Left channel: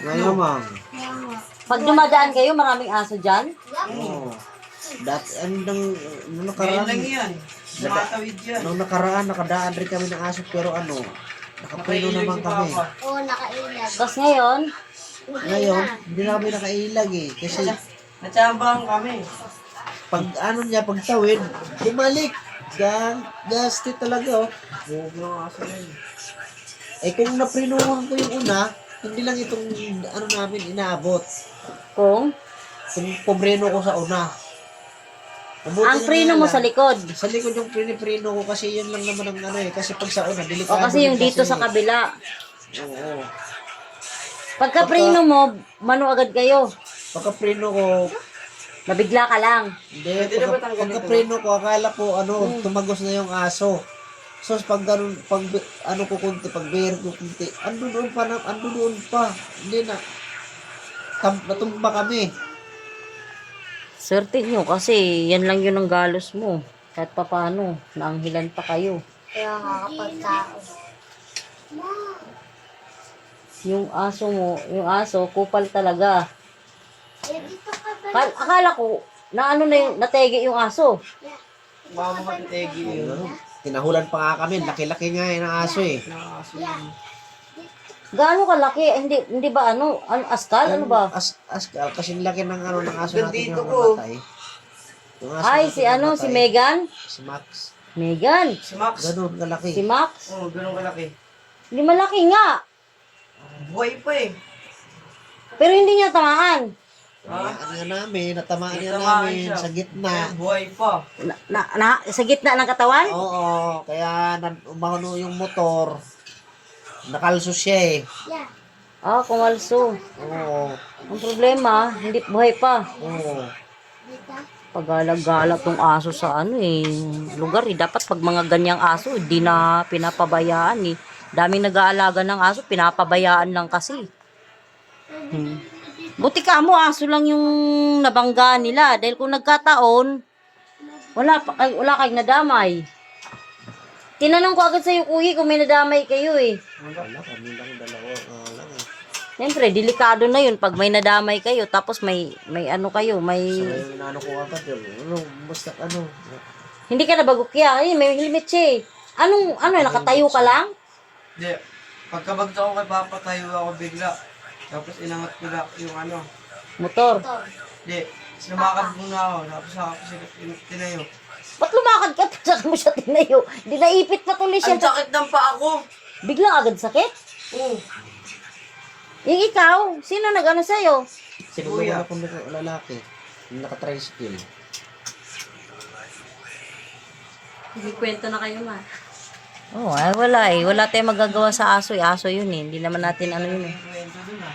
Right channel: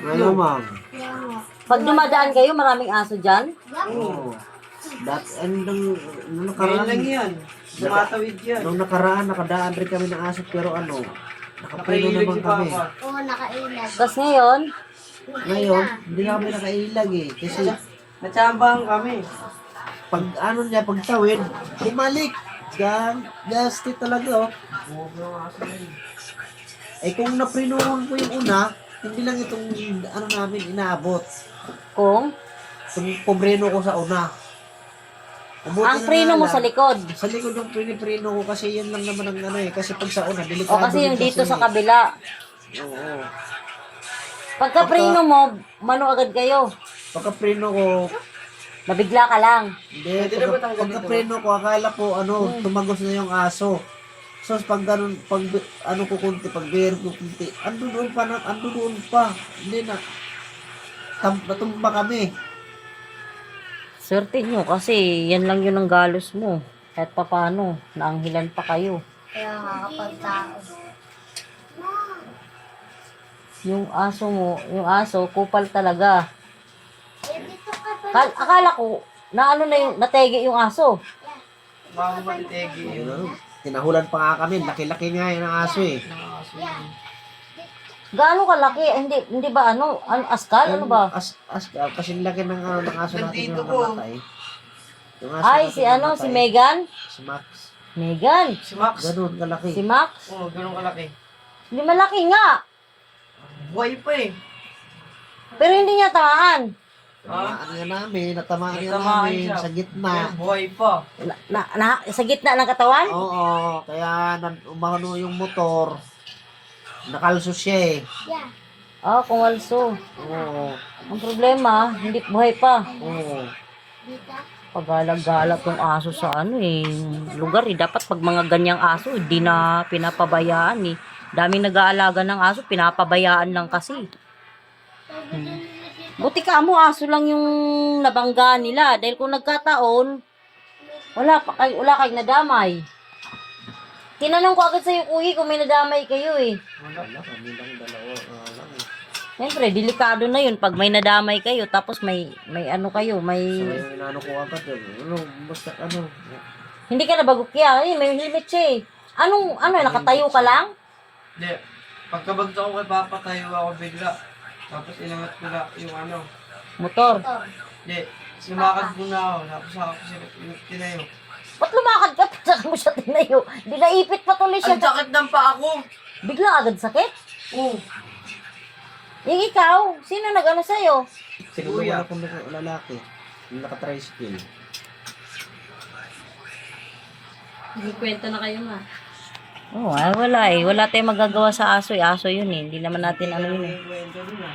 Malamang. Pag dumadaan kayo, maraming aso dyan? Oo. Dati, nung Ngayon nakaraan, lang yan. Tumatawid yan. nung nakaraan, nakadaan rin kami ng aso, pero nakapreno Nakailag naman si kami. Papa. Oo, nakailag. Tapos ngayon, Ngayon, hindi na kami nakailag eh. Kasi, Natsambahan kami. pag pagtawid, bumalik. Gasti talaga oh. Huwag yung aso na yun. Eh kung naprenuhan ko yung una, hindi lang itong namin inaabot. kung Kung pobreno ko sa una. Mabuti ang na preno nga mo lang. sa likod. Sa likod yung preno ko kasi yun lang naman ang kasi pag sa una, O delikado kasi yung din dito sa kabila. Oo. Pagka preno mo, mano agad kayo. Pagka preno ko, Nabigla ka lang. hindi, Pwede na ba tanggalin pagka to? preno ko, akala ko tumagos na yung aso. So pag ganun, pag ko kunti, pag bear ko kunti, ando doon pa. Hindi na. Natumba kami. Swerte nyo kasi yan lang yun ang galos mo. Kahit pa paano, naanghilan pa kayo. Kaya makakapagtao. Yung aso, kupal talaga. Eh, dito ka ba? Akala ko, natege yung aso. Mama matitegi yun. Tinahulan pa nga kami, laki-laki nga yun ang aso eh. Gaano kalaki? Hindi ba askal? Ano ba? Kasi laki ng ng aso natin Dito yung ko. namatay. Yung aso Ay, natin si namatay, si Megan? Si Max. Megan? Si Max. Ganun kalaki. Si Max? Oo, ganun kalaki. Hindi malaki nga. Buhay pa eh. Pero hindi niya tamaan. Natamaan nga Natamaan namin siya. sa gitna. Buhay pa. Sa gitna ng katawan? Oo, kaya umano yung motor. Nakalso siya eh. Yeah. Kung also. Oo, Ang problema, hindi buhay pa. oo. Dito. Pagalag-galat ng aso sa lugar eh. Dapat pag mga ganyang aso, hindi na pinapabayaan eh. Daming nag-aalaga ng aso, pinapabayaan lang kasi. Buti ka mo, aso lang yung nabangga nila. Dahil kung nagkataon, wala kayong nadamay. Tinanong ko agad sa'yo, kuya, kung may nadamay kayo eh. Wala, kami lang dalawa. Lang eh. Siyempre, delikado na yun pag may nadamay kayo, tapos may kayo, So, may... yung inano ko agad, basta Hindi ka nabagukya, may helmet siya eh. Nakatayo ka lang? Hindi. Pagkabagta ko kay Papa, tayo ako bigla. Tapos inangat ko na yung Motor. Hindi. Lumakad muna ako. Tapos ako tinayo. Ba't lumakad ka? Saka mo siya tinayo. Di naipit pa tuloy siya. Ang sakit ng paa ko. Biglang agad sakit. Oo. Yung ikaw, sino nag-ano sa'yo? Siguro Kuya. wala kong lalaki. Yung naka-tricycle. Kwento na kayo na. Ay wala eh. Wala tayong magagawa sa aso eh. Aso yun eh. Hindi naman natin yun eh. May kwento dun ah.